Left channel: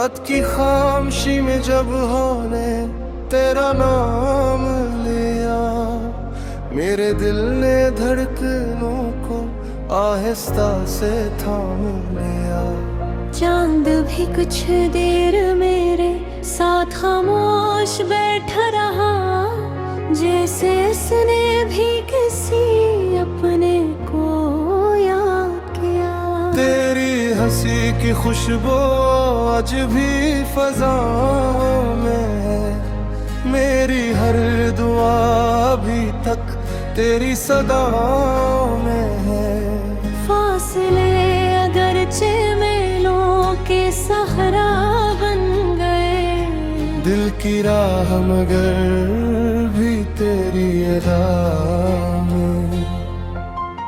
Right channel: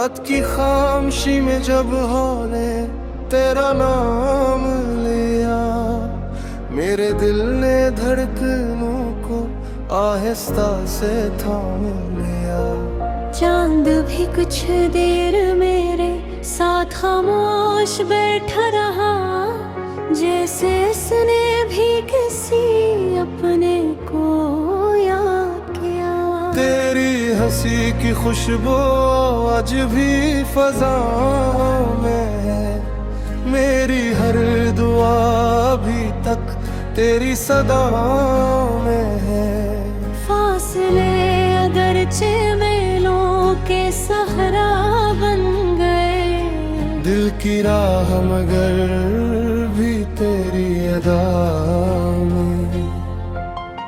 रात की खामोशी में जब होने तेरा नाम लिया, मेरे दिल ने धड़कनों को आहिस्ता से थाम लिया। चांद भी कुछ देर मेरे साथ खामोश बैठा रहा, जैसे उसने भी किसी अपने को याद किया। तेरी हंसी की खुशबू आज भी फज़ाओं में है, मेरी हर दुआ अभी तक तेरी सदाओं में है। फासले अगरचे मेलों के सहरा बन गए, दिल की राह मगर भी तेरी अदा में।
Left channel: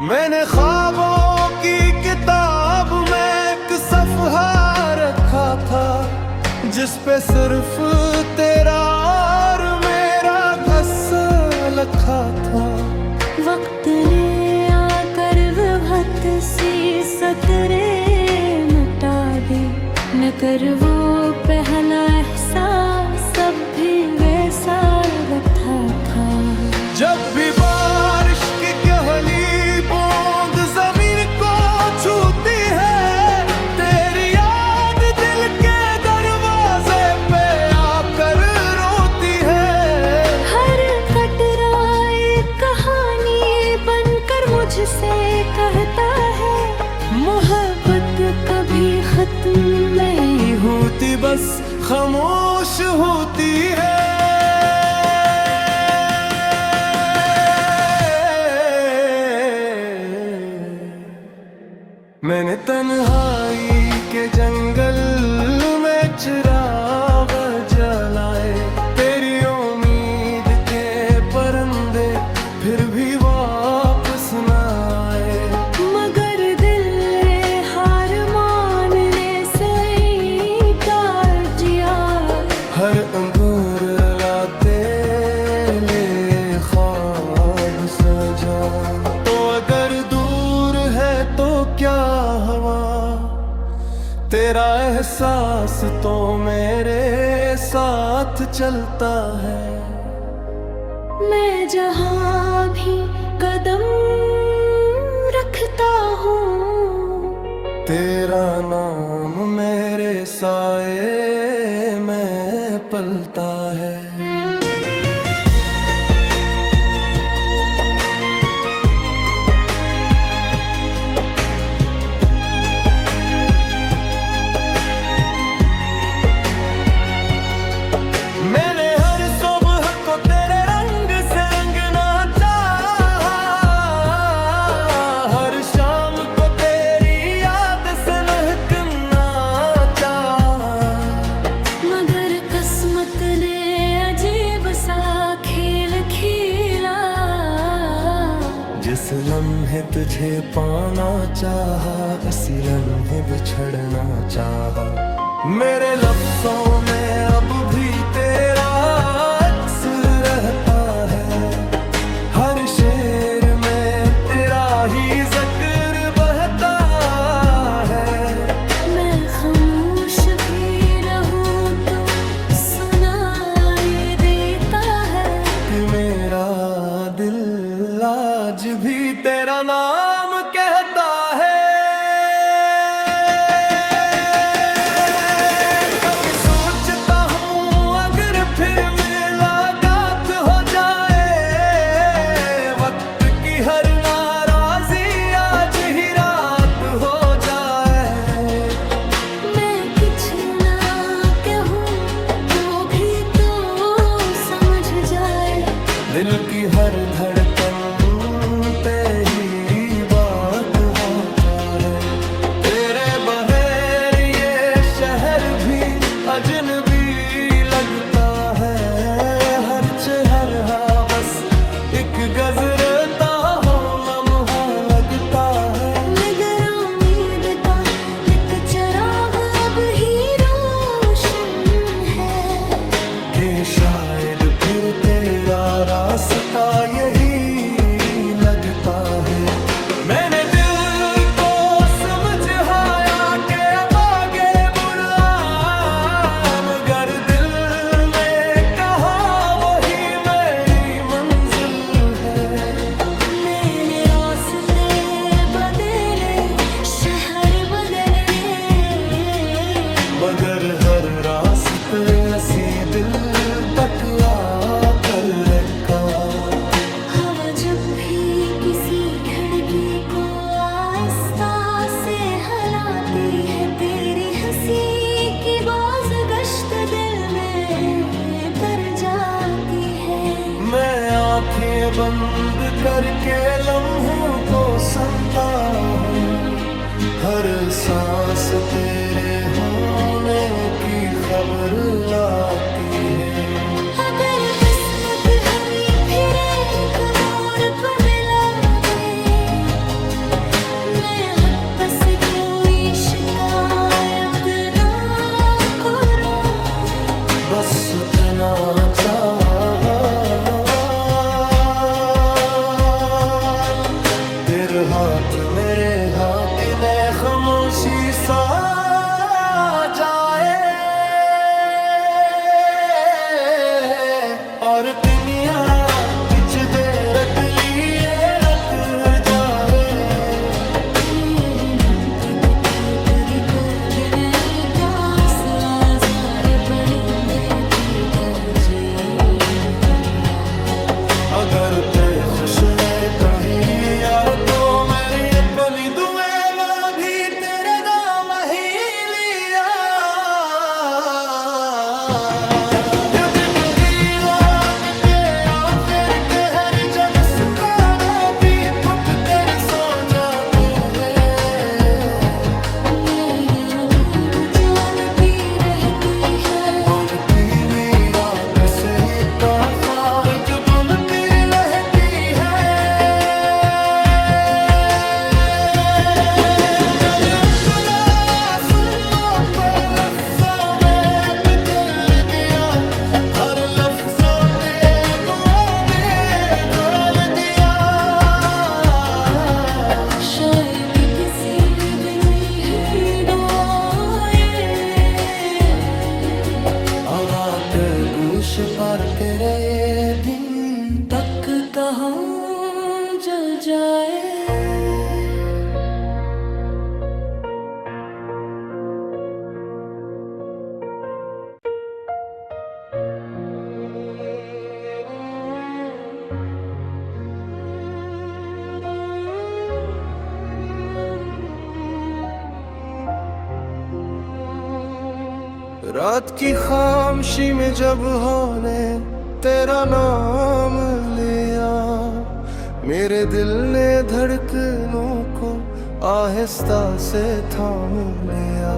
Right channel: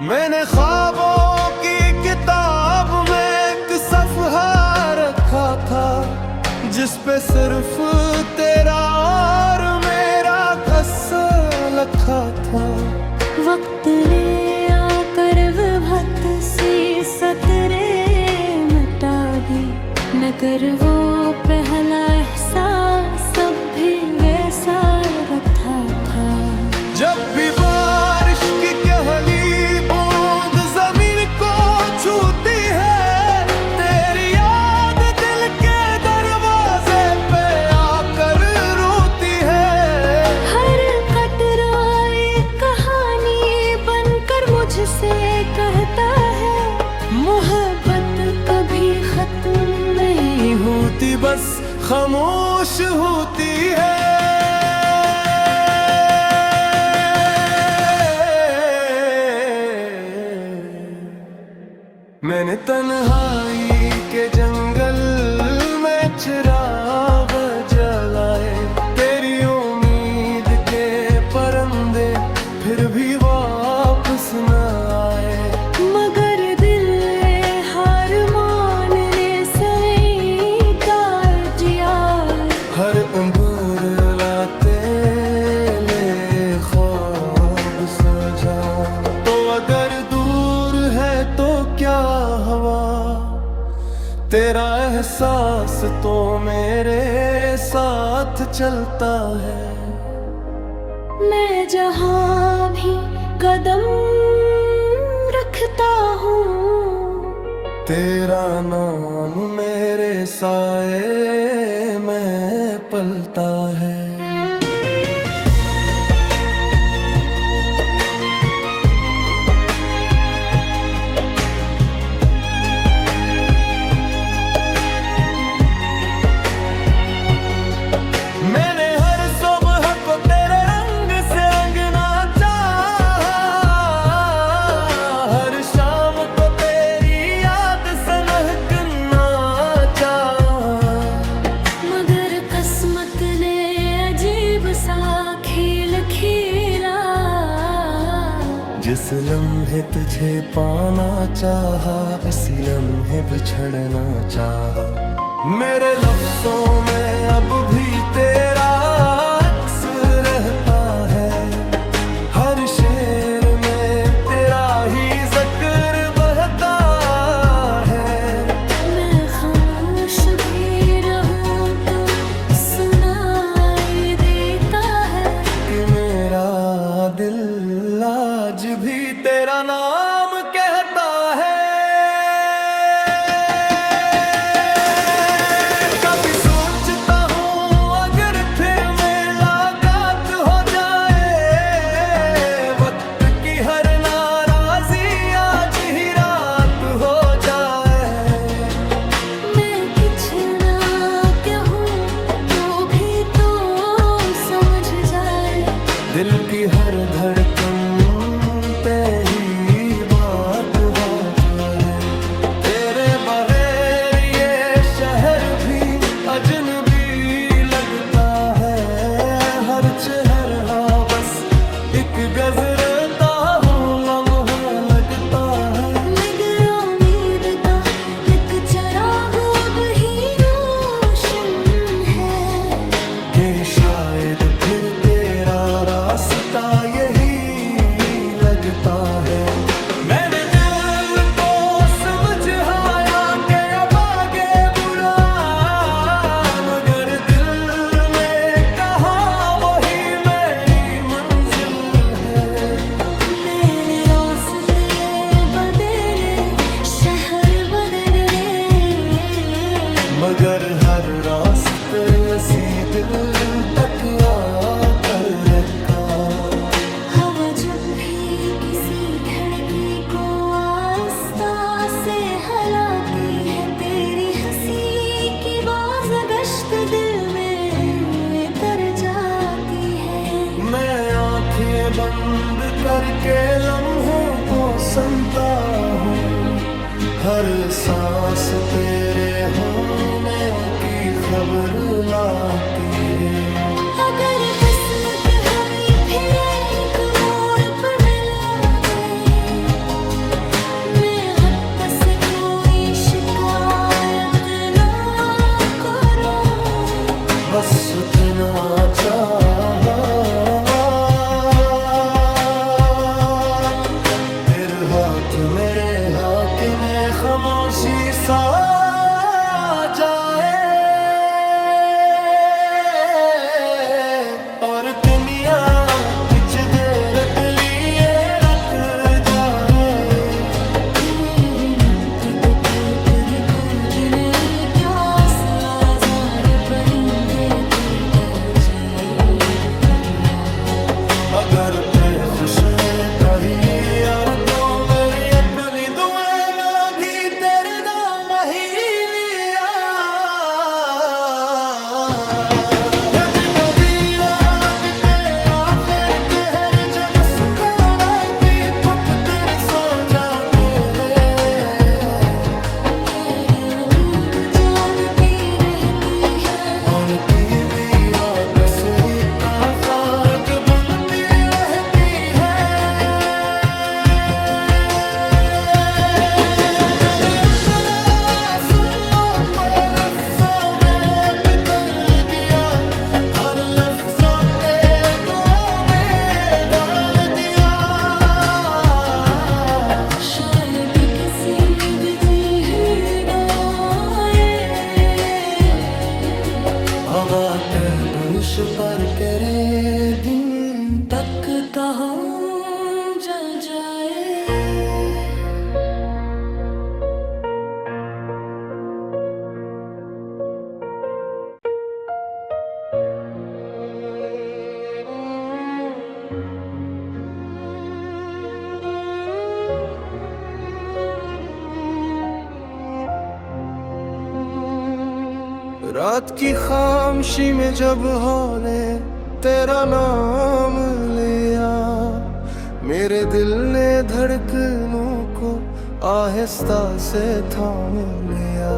मैंने ख्वाबों की किताब में एक सफ़हा रखा था, जिस पे सिर्फ तेरा और मेरा क़स्सा लिखा था। वक्त ने आकर विभत सी सतरे मिटा दी, न कर वो पहला एहसास अब भी वैसा रखा था। जब भी बारिश की पहली बूंद जमीन को छूती है, तेरी याद दिल के दरवाजे पे आकर रोती है। हर कटरा एक कहानी बनकर मुझसे कहता है, मोहब्बत कभी खत्म नहीं होती बस खामोश होती है। मैंने तन्हाई के जंगल में चिराग जलाए, तेरी उम्मीद के परिंदे फिर भी वापस न आए। मगर दिल ने हार मानने से इनकार किया, हर उम्र लाते ले ख्वाब सजा। तो अगर दूर है तो क्या हवा, तेरा एहसास तो मेरे साथ चलता है। मैं जहाँ भी कदम रखता हूँ, तेरा नाम मेरे साए में पलता है। मैंने हर सुबह को तेरे रंग से रंगना चाहा, हर शाम को तेरी याद से महकना चाहा। मगर किस्मत ने अजीब सा खेल खेला, जिस लम्हे तुझे पाना चाहा, इसी लम्हे बिछड़ना चाहा। मेरे लफ्ज़ों में अब भी तेरा अक्स रहता है, हर शेर में तेरा ही जिक्र बहता है। मैं खामोश भी रहूं तो सुनाई देता है, कि मेरा दिल आज भी तेरा नाम कहता है। हर नाराजी आज ही रात हो जाए। मैं कुछ ना कहूँ तो भी तो समझ जाए, दिल की हर धड़कन पे ही बात होता है। तेरे बगैर ये शहर भी अजनबी लगता है, हर चेहरा बस एक गजरता हो लम्हा लगता है। मगर उम्मीद का एक चिराग अब ही रोशन है, कि शायद फिर तेरा रास्ता यही लगता है। मैंने दिल को समझाया कि अब आगे बुरा मगर हर रास्ते असी दिल तक आकर रखा। हवा जब भी किसी खिड़की को आहिस्ता से हिलाती है, तेरी हंसी की बाज गश्त दिल में तर जाती है। मैं आंखें बंद करके लम्हों को सुनता हूँ, हर सांस तेरे होने की खबर लाती है। अगर बस्म के हमें फिर एक मोड़ पर मिला दे, मैं हद बस कोई शिकायत ना करूं, बस इतना चाहा तेरे हाथ मेरे हाथ ने खामोशी सा जाए, और दुनिया कुछ देर के लिए रत जाए। तेरी कभी नहीं प्यास आज़ारे परिंदे की तरजीह। अगर पे खुश में कहीं यार तो मेरी अपनी दुए में भी तेरे दाम ही लिया। यद कभी रात के आखिर कहर जब सुखाना भी थप कर सो जाते हैं, मेरी नींद जागती रहनी है, उनकी मीरा कसरी का फाक बनती रहती है। जब अपना सुनो तो लफ्ज़ों में बदल दिया, हर लफ्ज़ों के दुआओं में डाल दिया। शायद किसी दिन ही आए, हवा के दूश पर तेरे दिन तक कहाँ जा जाए। रात की खामोशी में जब होने तेरा नाम लिया, मेरे दिल ने धड़कनों को आहिस्ता से थाम लिया।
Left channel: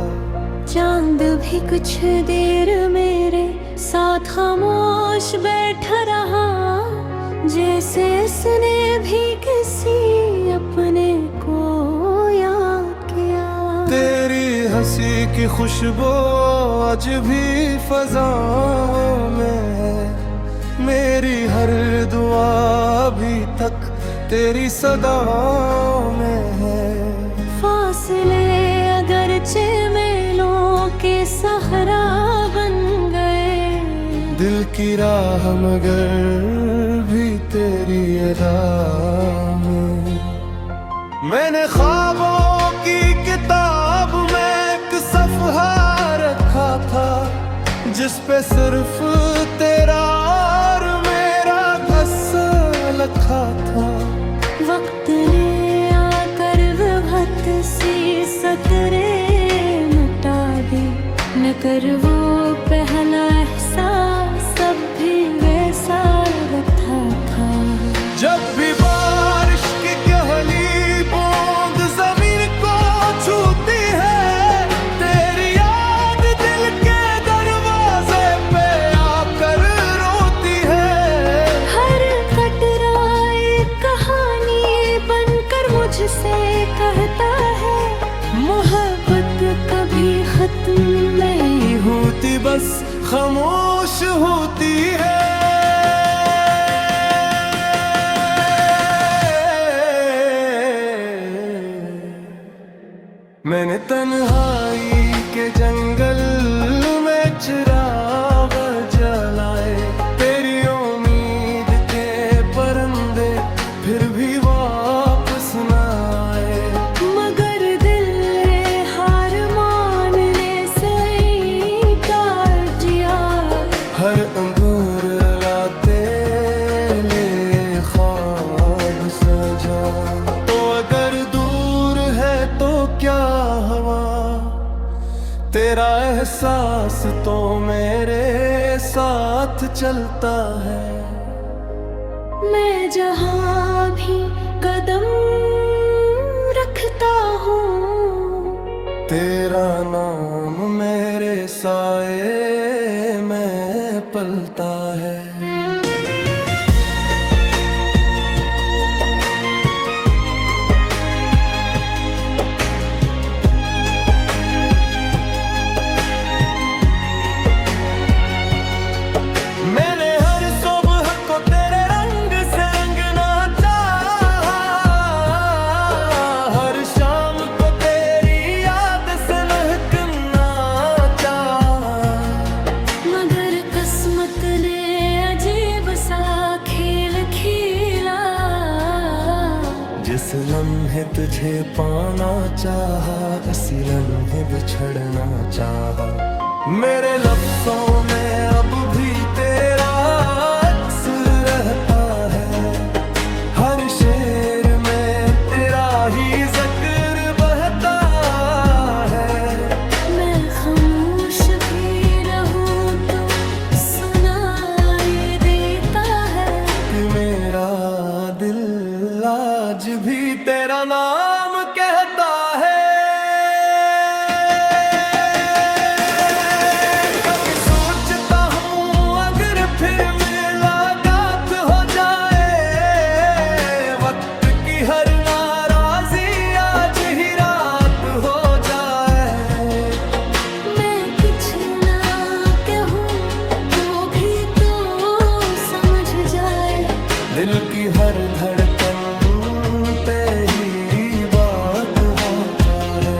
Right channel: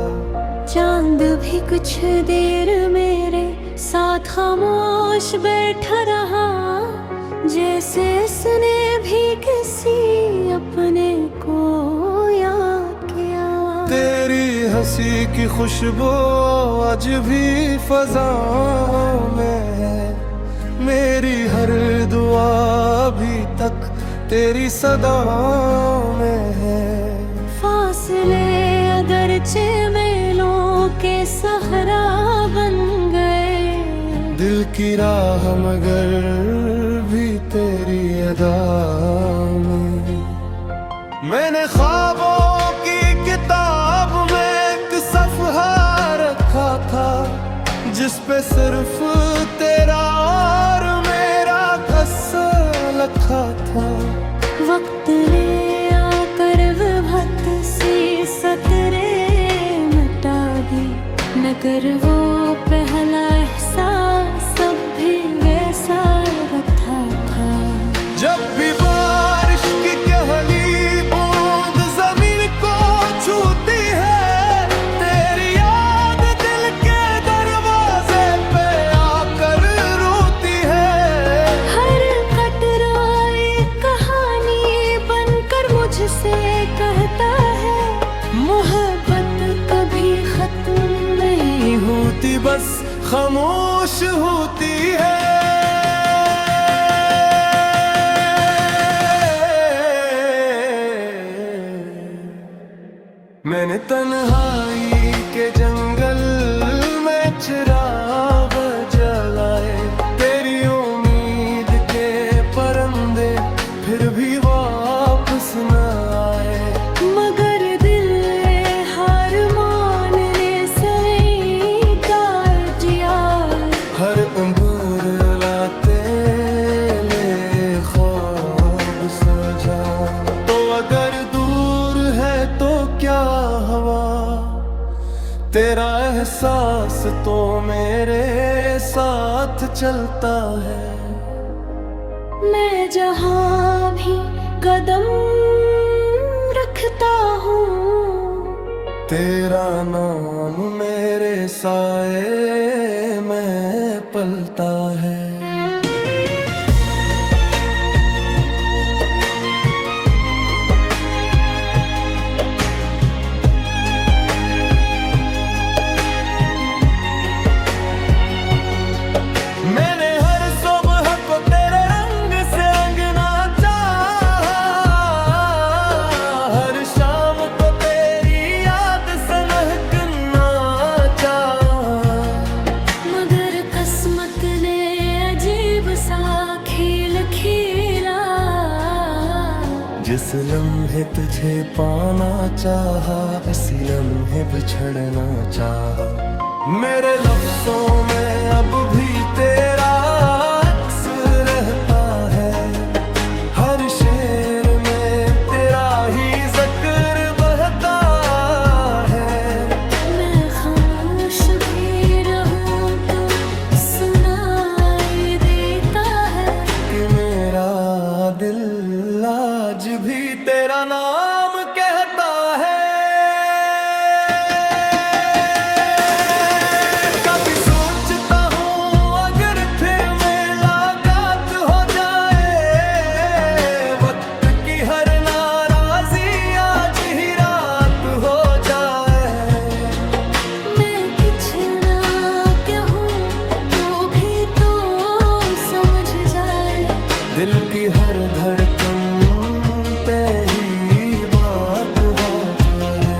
चांद भी कुछ देर मेरे साथ खामोश बैठा रहा, जैसे उसने भी किसी अपने को याद किया। तेरी हंसी की खुशबू आज भी फज़ाओं में है, मेरी हर दुआ अभी तक तेरी सदाओं में है। फासले अगरचे मेलों के सहरा बन गए, दिल की राह मगर भी तेरी अदा में। मैंने ख्वाबों की किताब में एक सफ़हा रखा था, जिस पे सिर्फ तेरा और मेरा क़स्सा लिखा था। वक्त ने आकर विभक्त सी सतरे मिटा दी, न कर वो पहला एहसास अब भी वैसा रखा था। जब भी बारिश की कहली बूंद जमीन को छूती है, तेरी याद दिल के दरवाजे पे आकर रोती है। हर कटरा एक कहानी बनकर मुझसे कहता है, मोहब्बत कभी खत्म नहीं होती बस खामोश होती है। मैंने तन्हाई के जंगल में चिराग जलाए, तेरी उम्मीद के परिंदे फिर भी वापस न आए। मगर दिल ने हार मानने से हर उम्र लाते ले ख्वाब सजा। तो अगर दूर है तो क्या हवा, तेरा एहसास तो मेरे साथ चलता है। मैं जहाँ भी कदम रखता हूँ, तेरा नाम मेरे साए में पलता है। मैंने हर सुबह को तेरे रंग से रंगना चाहा, हर शाम को तेरी याद से महकना चाहा। मगर किस्मत ने अजीब सा खेल खेला, जिस लम्हे तुझे पाना चाहा, इसी लम्हे बिछड़ना चाहा। मेरे लफ्जों में अब भी तेरा अक्स रहता है, हर शेर में तेरा ही जिक्र बहता है। मैं खामोश भी रहूं तो सुनाई देता है कि मेरा दिल आज भी तेरा नाम कहता है। हर नाराजी आज ही रात हो जाए। मैं कुछ ना कहूँ तो भी तो समझ जाए, दिल की हर धड़कन पे ही बात होता है।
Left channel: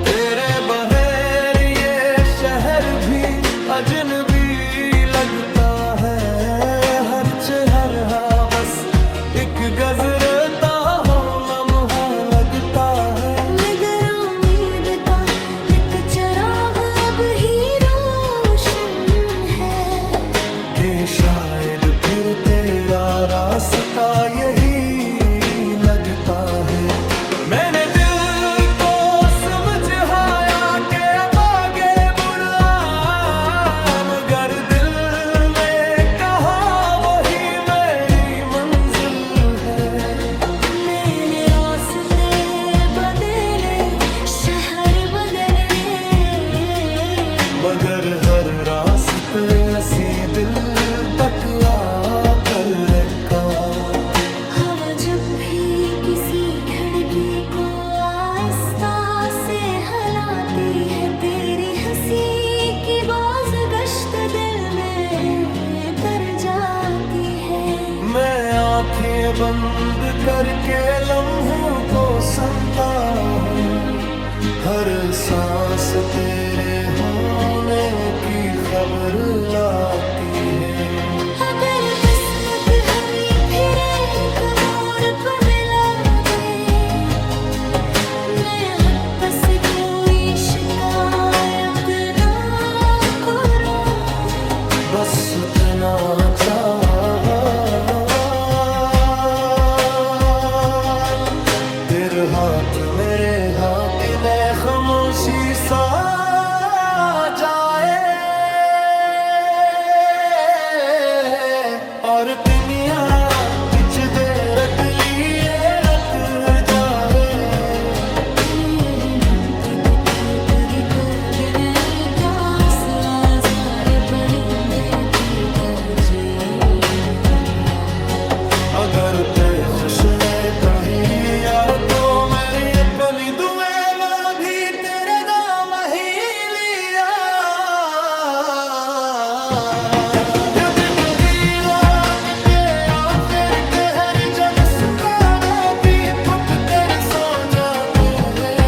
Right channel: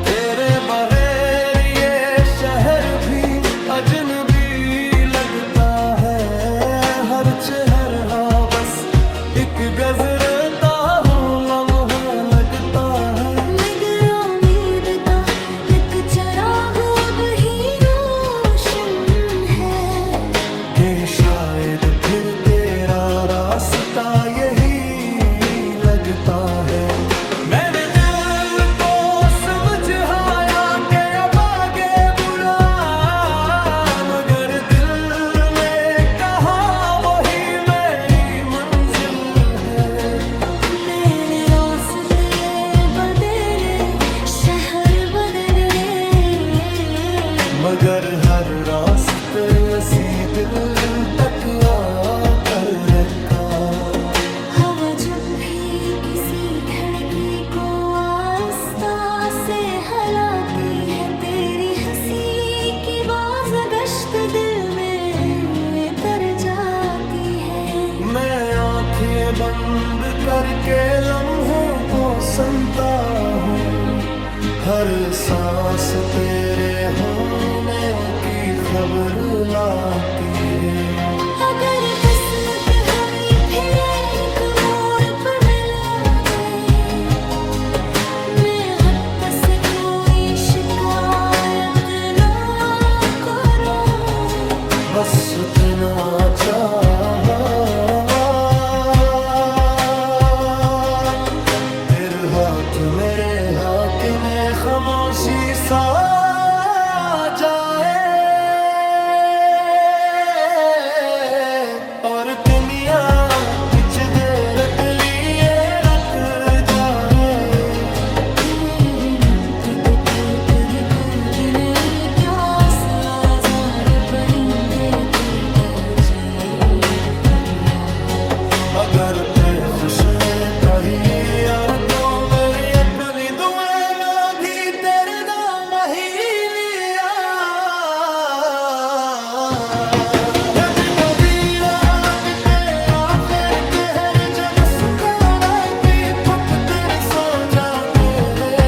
तेरे बगैर ये शहर भी अजनबी लगता है, हर चेहरा बस एक गजरता हो लम्हा लगता है। मगर उम्मीद का एक चिराग अब ही रोशन है, कि शायद फिर तेरा रास्ता यही लगता है। मैंने दिल को समझाया कि अब आगे बुरा, मगर दिल ने कहा वही मेरी मंजिल है। मैंने रास्ते बदले, शहर बदले, मगर हर रास्ते असी दिल तक आकर रखा। हवा जब भी किसी खिड़की को आहिस्ता से हिलाती है, तेरी हंसी की बाज़गश्त दिल में कर जाती है। मैं आंखें बंद करके लम्हों को सुनता हूँ, हर सांस तेरे होने की खबर लाती है। अगर किस्मत हमें फिर एक मोड़ पर मिला दे, मैं हद पर से कोई शिकायत ना करूं, बस इतना चाहा तेरे हाथ मेरे हाथ में खामोशी सा जाए, और दुनिया कुछ देर के लिए रख जाए। तेरी पे नहीं प्यास आज़ार परिंदे की तरजीह दिया। अगर पे खुश में कहीं यार तो मेरी अपनी दुए में भी तेरे दाम ही लिया। जब कभी रात के आखिर कहर जब सुखाना भी फुक कर सो जाते हैं,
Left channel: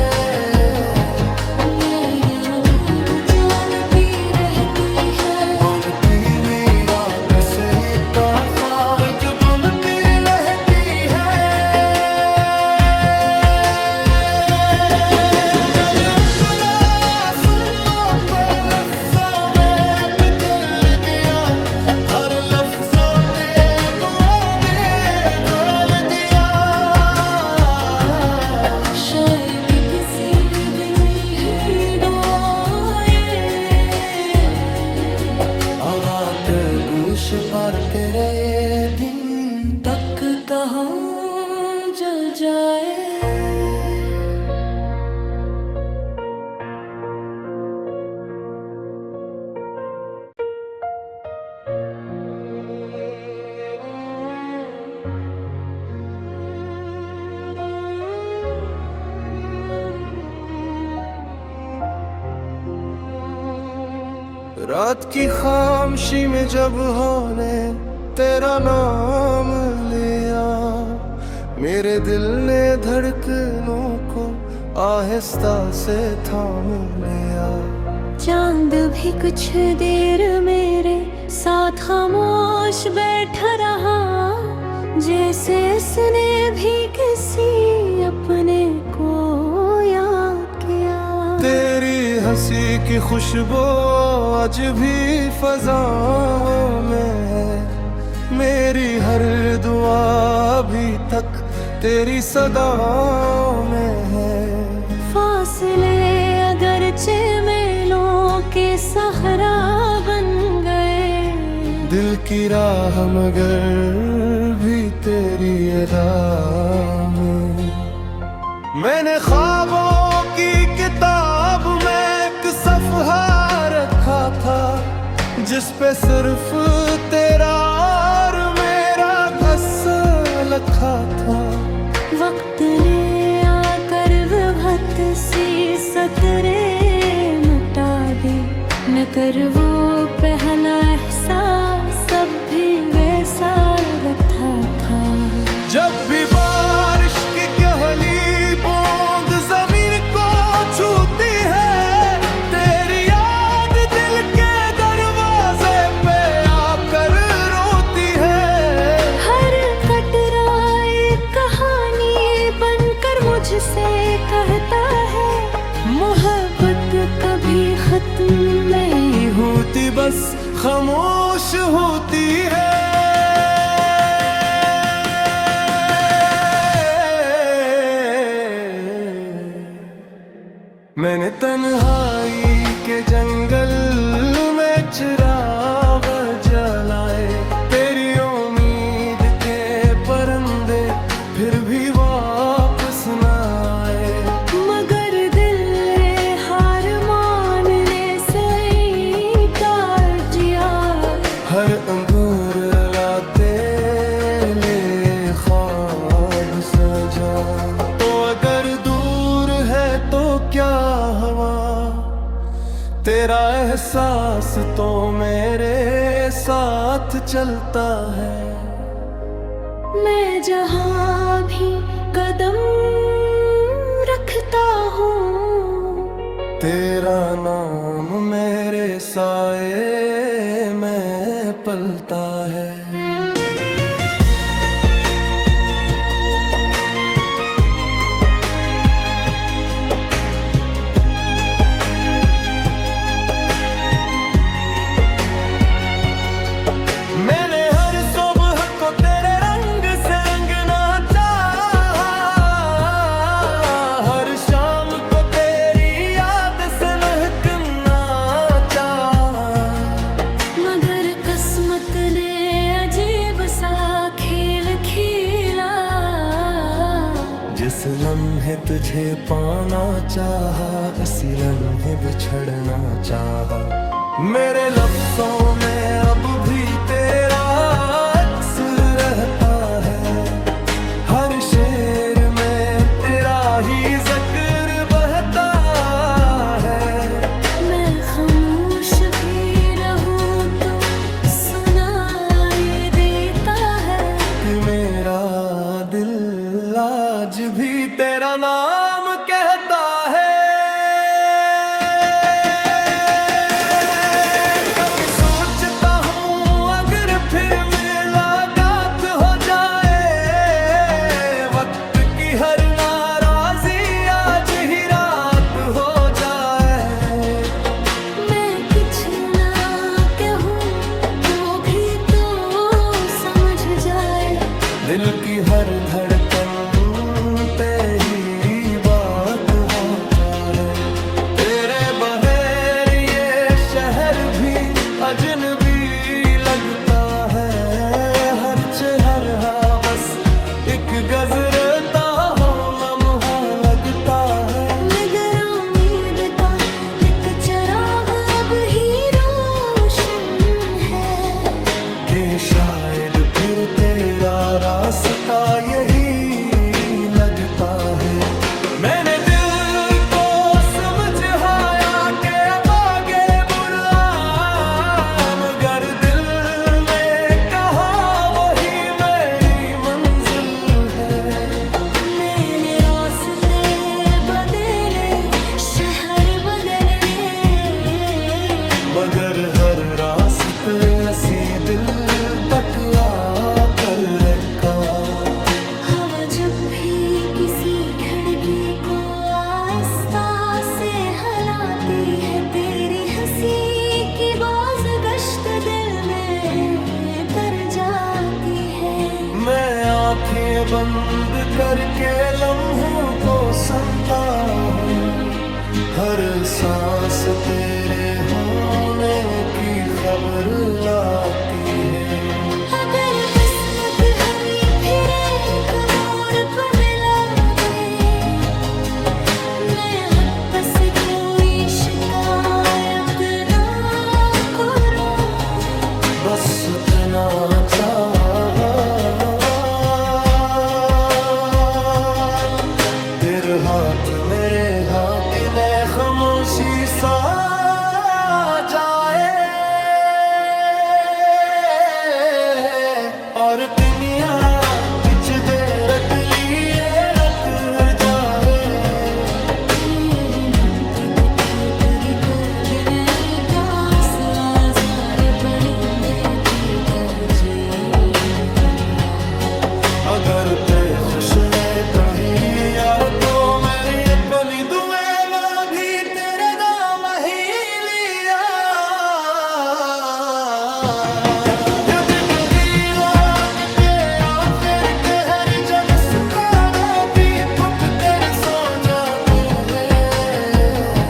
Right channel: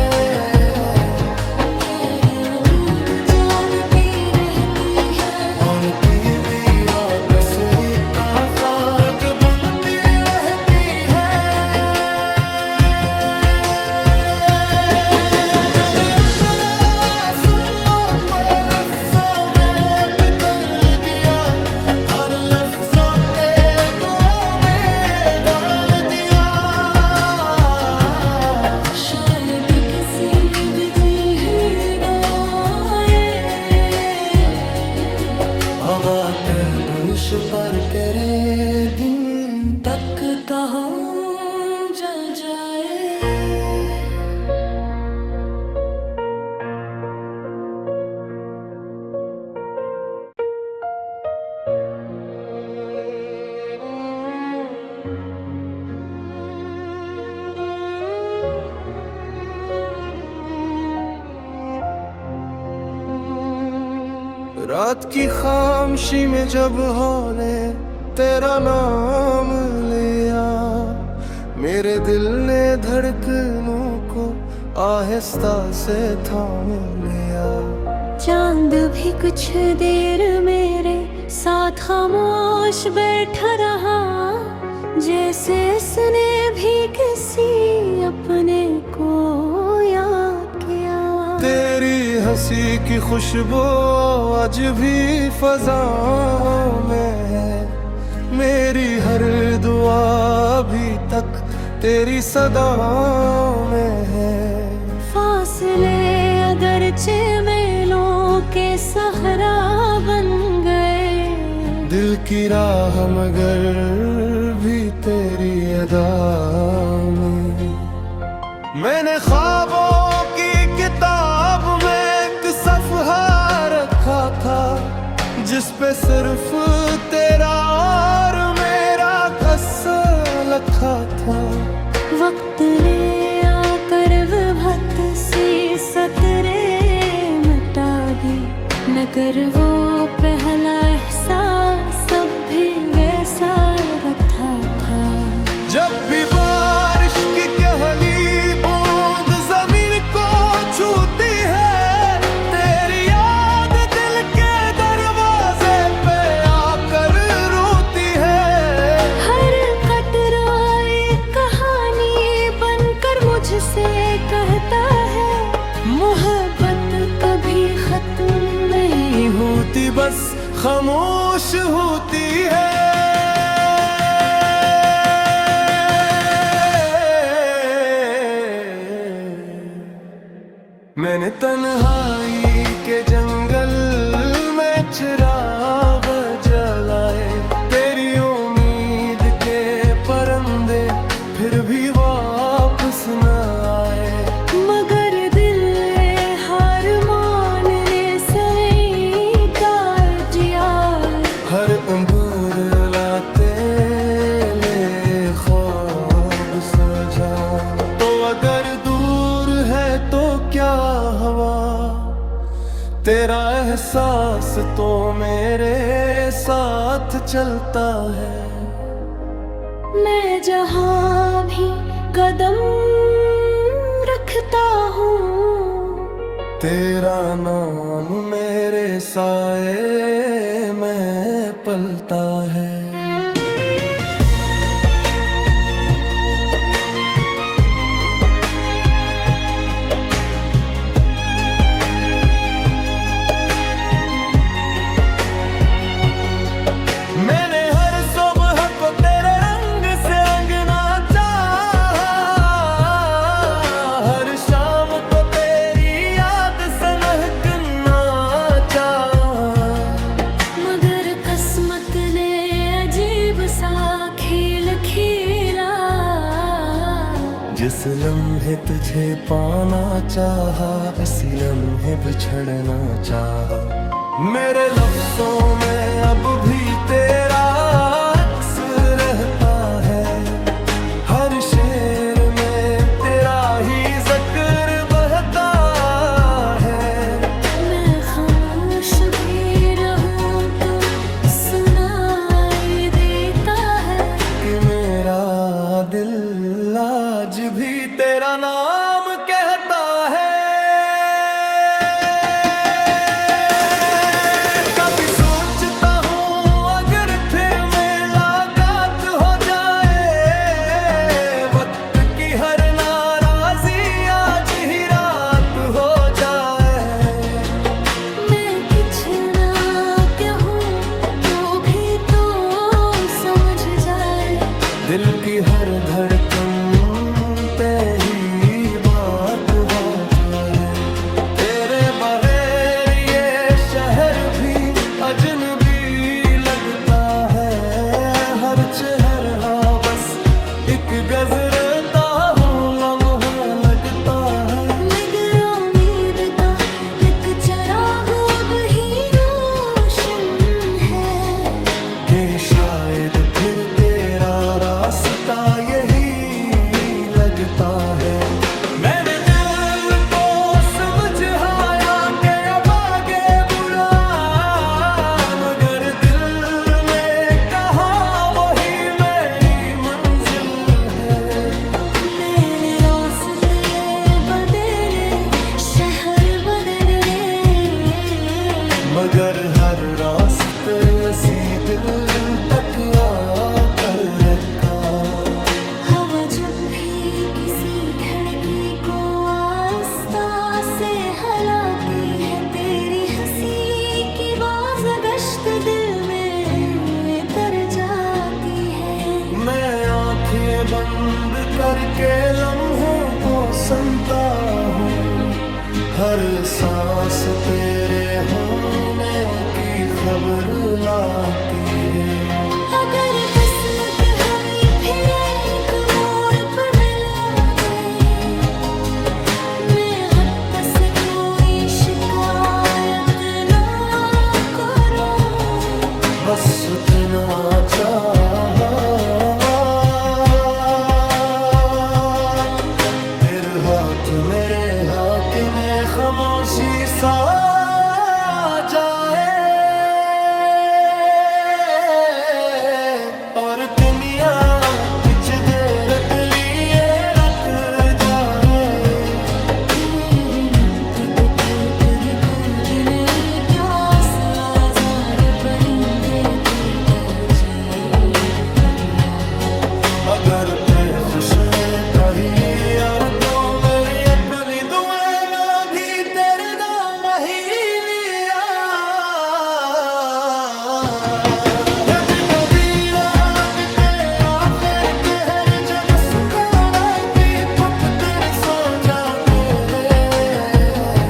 मेरी नींद जागती रहनी है, उनकी मीरा कसरी का खाक बुनती रहती है। जब अपना सुनो पलक समेत कर दिया, आवा के दूश पर तेरे दिन तक कहो जल जाए। रात की खामोशी में जब होने तेरा नाम लिया, मेरे दिल ने धड़कनों को आहिस्ता से थाम लिया। चांद भी कुछ देर मेरे साथ खामोश बैठा रहा, जैसे उसने भी किसी अपने को याद किया। तेरी हंसी की खुशबू आज भी फज़ाओं में है, मेरी हर दुआ अभी तक तेरी सदाओं में है। फासले अगरचे मेलों के सहरा बन गए, दिल की राह मगर भी तेरी अदा में। मैंने ख्वाबों की किताब में एक सफ़हा रखा था, जिस पे सिर्फ तेरा और मेरा क़स्सा लिखा था। वक्त ने आकर विभक्त सी सतरे मिटा दी, न कर वो पहला एहसास अब भी वैसा रखा था। जब भी बारिश की पहली बूंद जमीन को छूती है, तेरी याद दिल के दरवाजे पे आकर रोती है। हर कटरा एक कहानी बनकर मुझसे कहता है, मोहब्बत कभी खत्म नहीं होती बस खामोश होती है। मैंने तन्हाई के जंगल में चिराग जलाए, तेरी उम्मीद के परिंदे फिर भी वापस न आए। मगर दिल ने हार मानने से इनकार किया, हर अंबर लाते ले ख्वाब सजा। तो अगर दूर है तो क्या हवा, तेरा एहसास तो मेरे साथ चलता है। मैं जहाँ भी कदम रखता हूँ, तेरा नाम मेरे साए में पलता है। मैंने हर सुबह को तेरे रंग से रंगना चाहा, हर शाम को तेरी याद से महकना चाहा। मगर किस्मत ने अजीब सा खेल खेला, जिस लम्हे तुझे पाना चाहा, इसी लम्हे बिछड़ना चाहा। मेरे लफ्जों में अब भी तेरा अक्स रहता है, हर शेर में तेरा ही जिक्र बहता है। मैं खामोश भी रहूं तो सुनाई देता है, कि मेरा दिल आज भी तेरा नाम कहता है। हर नाराजी आज ही रात हो जाए। मैं कुछ ना कहूँ तो भी तो समझ जाए, दिल की हर धड़कन पे ही बात होता है। तेरे बगैर ये शहर भी अजनबी लगता है हर चेहरा, बस एक गजरता हो लम्हा लगता है। मगर उम्मीद का एक चराग अब ही रोशन है कि शायद फिर तेरा रास्ता यही लगता है। मैंने दिल को समझाया कि अब आगे बुरा, मगर दिल ने कहा वही मेरी मंजिल है। मैंने रास्ते बदले, शहर बदले, मगर हर रास्ते असी दिल तक आकर रखा। हवा जब भी किसी खिड़की को आहिस्ता से हिलाती है, तेरी हंसी की बाज़गश्त दिल में तर जाती है। मैं आंखें बंद करके लम्हों को सुनता हूँ, हर सांस तेरे होने की खबर लाती है। अगर बस्म के हमें फिर एक मोड़ पर मिला दे, मैं हद पर से कोई शिकायत ना करूं, बस इतना चाहा फिर हाथ मेरे हाथ में खामोशी सा जाए, और दुनिया कुछ देर के लिए रत जाए। तेरी कद नहीं प्यास आज़ार परिंदे की तरजीह। अगर पे खुश में कहीं यार तो मेरी अपनी दुए में भी तेरे दाम ही लिया। यद कभी रात के आखिर कहर जब सुखाना भी थप कर सो जाते हैं,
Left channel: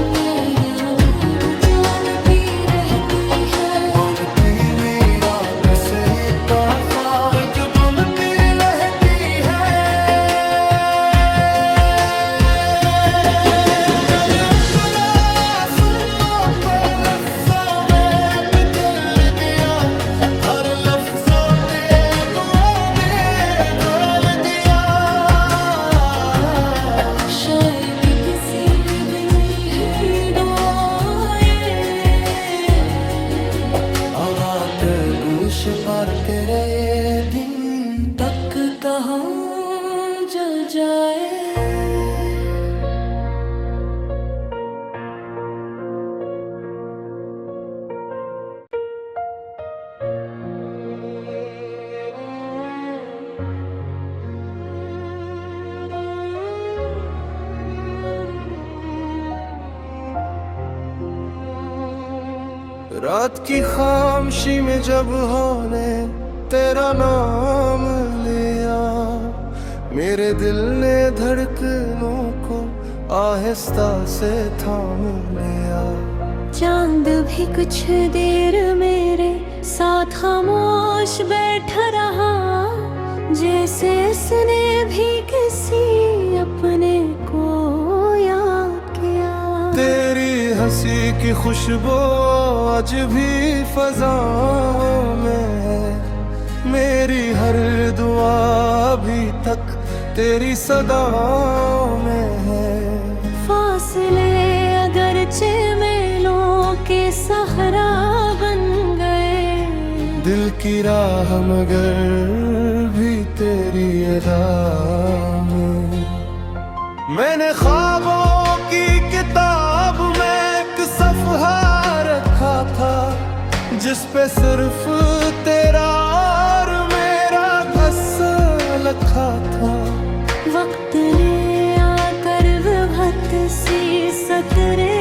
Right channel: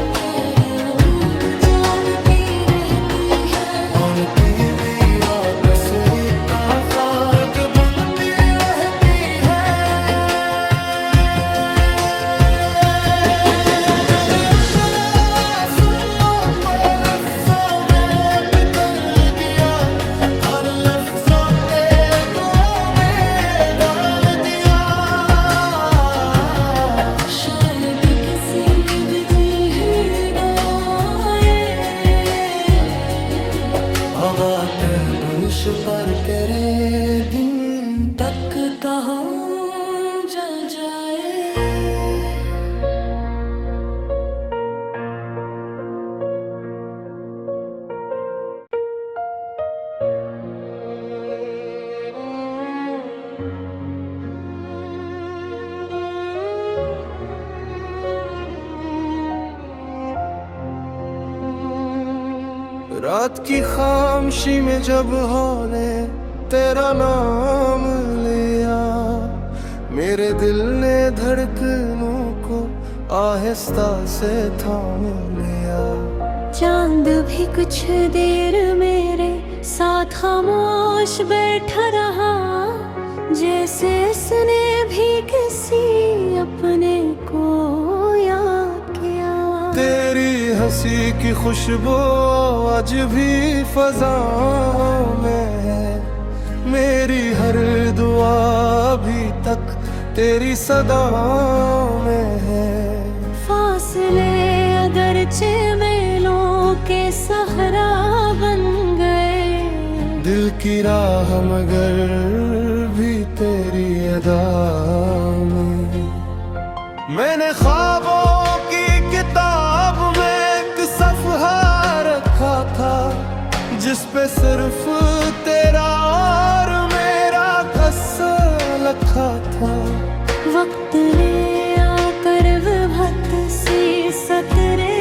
मेरी नींद जागती रहनी है, उनकी मीरा कसरी का खाक बनती रहती है। अगर अपना सुनो तो लफ्ज़ों में पिघल दिया, हर लफ्ज़ों के दुआओं में डाल दिया। शायद किसी की दिन ही आए, हवा के दूश पर तेरे दिन तक कहाँ जा जाए। रात की खामोशी में जब होने तेरा नाम लिया, मेरे दिल ने धड़कनों को आहिस्ता से थाम लिया। चांद भी कुछ देर मेरे साथ खामोश बैठा रहा, जैसे उसने भी किसी अपने को याद किया। तेरी हंसी की खुशबू आज भी फज़ाओं में है, मेरी हर दुआ अभी तक तेरी सदाओं में है। फासले अगरचे मेलों के सहरा बन गए, दिल की राह मगर भी तेरी अदा में। मैंने ख्वाबों की किताब में एक सफ़हा रखा था, जिस पे सिर्फ तेरा और मेरा क़स्सा लिखा था। वक्त ने आकर विभक्त सी सतरे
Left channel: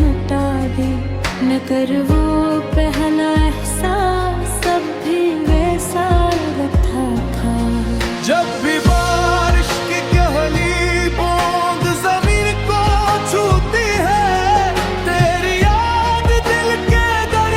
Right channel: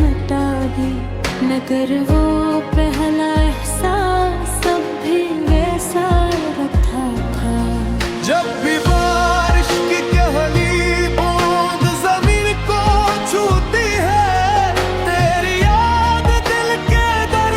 मिटा दी, न कर वो पहला एहसास सब भी वैसा रखा था। जब भी बारिश की कहली बूंद जमीन को छूती है, तेरी याद दिल के दर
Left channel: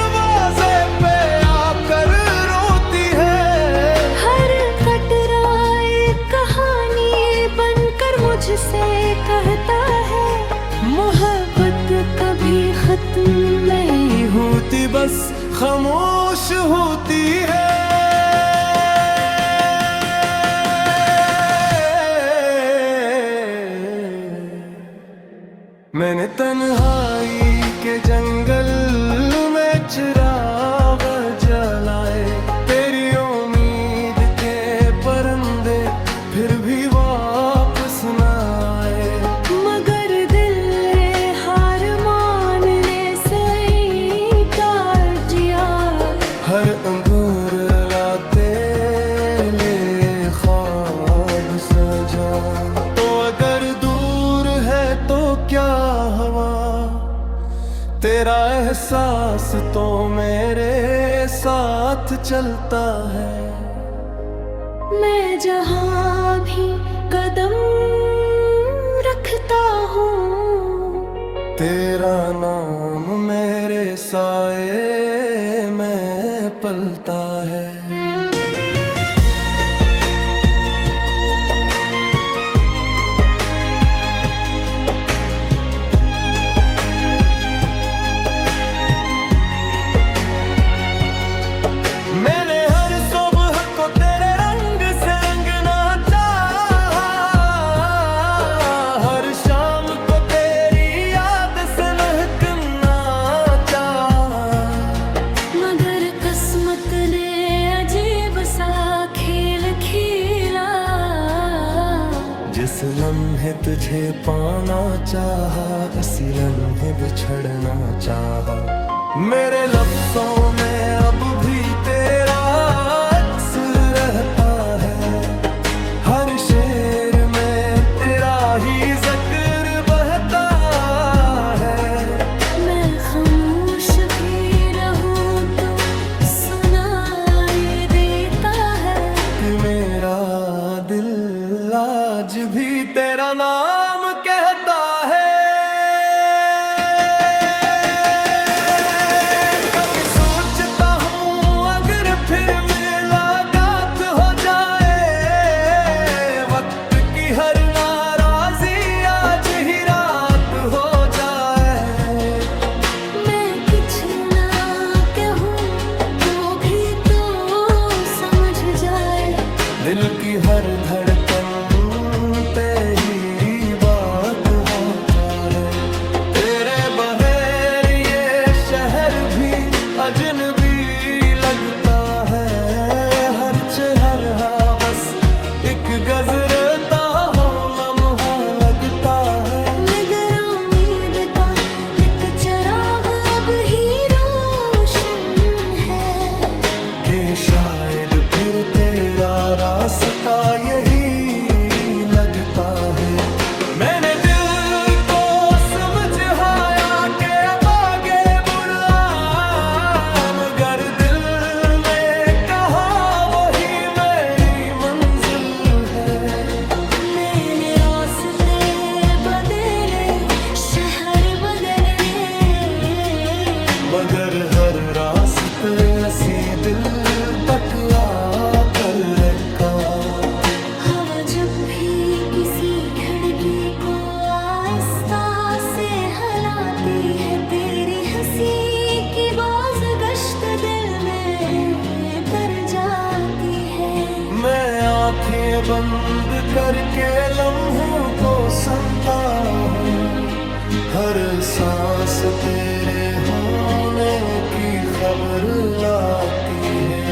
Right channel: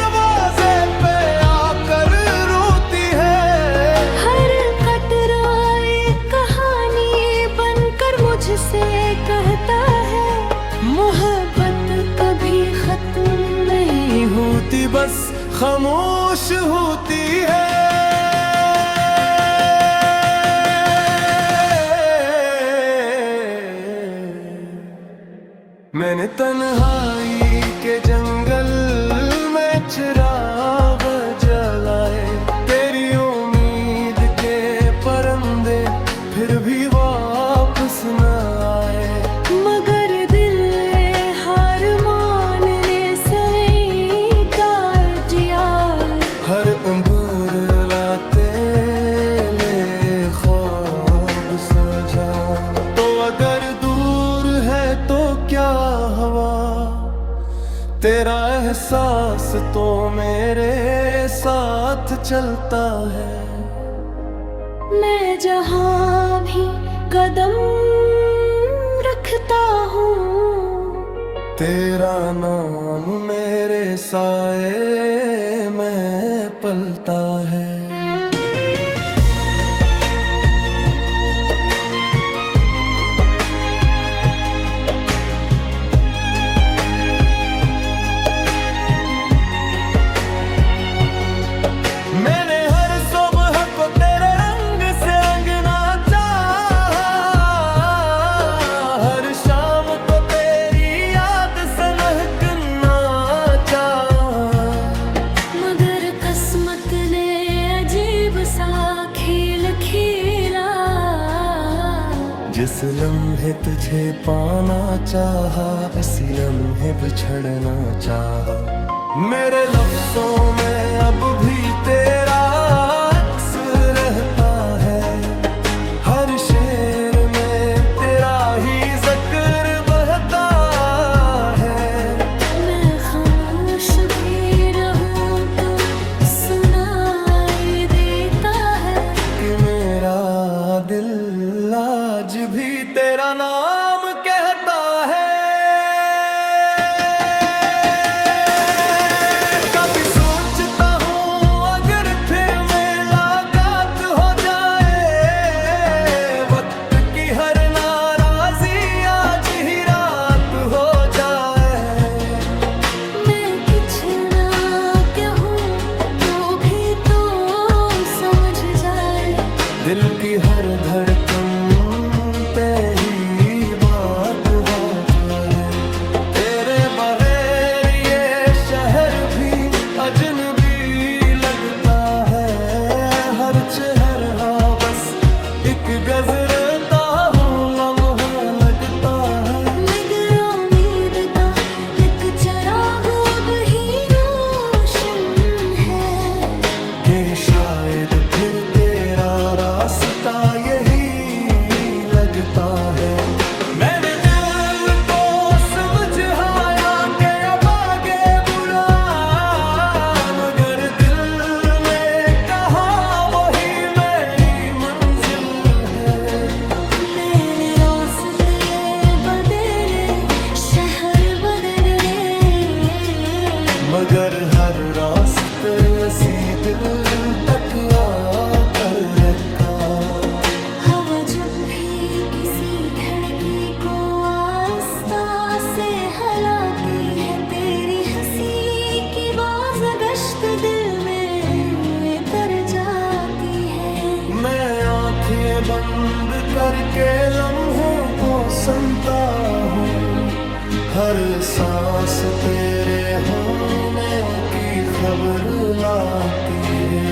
धरती बस खामोश होती है। मैंने तन्हाई के जंगल में चिराग जलाए, तेरी उम्मीद के परंदे फिर भी वापस न आए। मगर दिल ने हार मानने से इनकार किया। हर उम्र लाते ले ख्वाब सजा, तो अगर दूर है तो क्या हवा, तेरा एहसास तो मेरे साथ चलता है। मैं जहाँ भी कदम रखता हूँ, तेरा नाम मेरे साए में पलता है। मैंने हर सुबह को तेरे रंग से रंगना चाहा, हर शाम को तेरी याद से महकना चाहा। मगर किस्मत ने अजीब सा खेल खेला। जिस लम्हे तुझे पाना चाहा, इसी लम्हे बिछड़ना चाहा। मेरे लफ्जों में अब भी तेरा अक्स रहता है, हर शेर में तेरा ही जिक्र बहता है। मैं खामोश भी रहूं तो सुनाई देता है कि मेरा दिल आज भी तेरा नाम कहता है। हर नाराजी आज ही रात हो जाए। मैं कुछ ना कहूँ तो भी तो समझ जाए। दिल की हर धड़कन पे ही बात होता है। तेरे बगैर ये शहर भी अजनबी लगता है। हर चेहरा बस एक गजरता हो लम्हा लगता है। मगर उम्मीद का एक चिराग अब ही रोशन है कि शायद फिर तेरा रास्ता यही लगता है। मैंने दिल को समझाया कि अब आगे बुरा, मगर दिल ने कहा वही मेरी मंजिल है। मैंने रास्ते बदले, शहर बदले, मगर हर रास्ते असी दिल तक आकर रखा। हवा जब भी किसी खिड़की को आहिस्ता से हिलाती है, तेरी हंसी की बाज़गश्त दिल में कर जाती है। मैं आंखें बंद करके लम्हों को सुनता हूँ, हर सांस तेरे होने की खबर लाती है।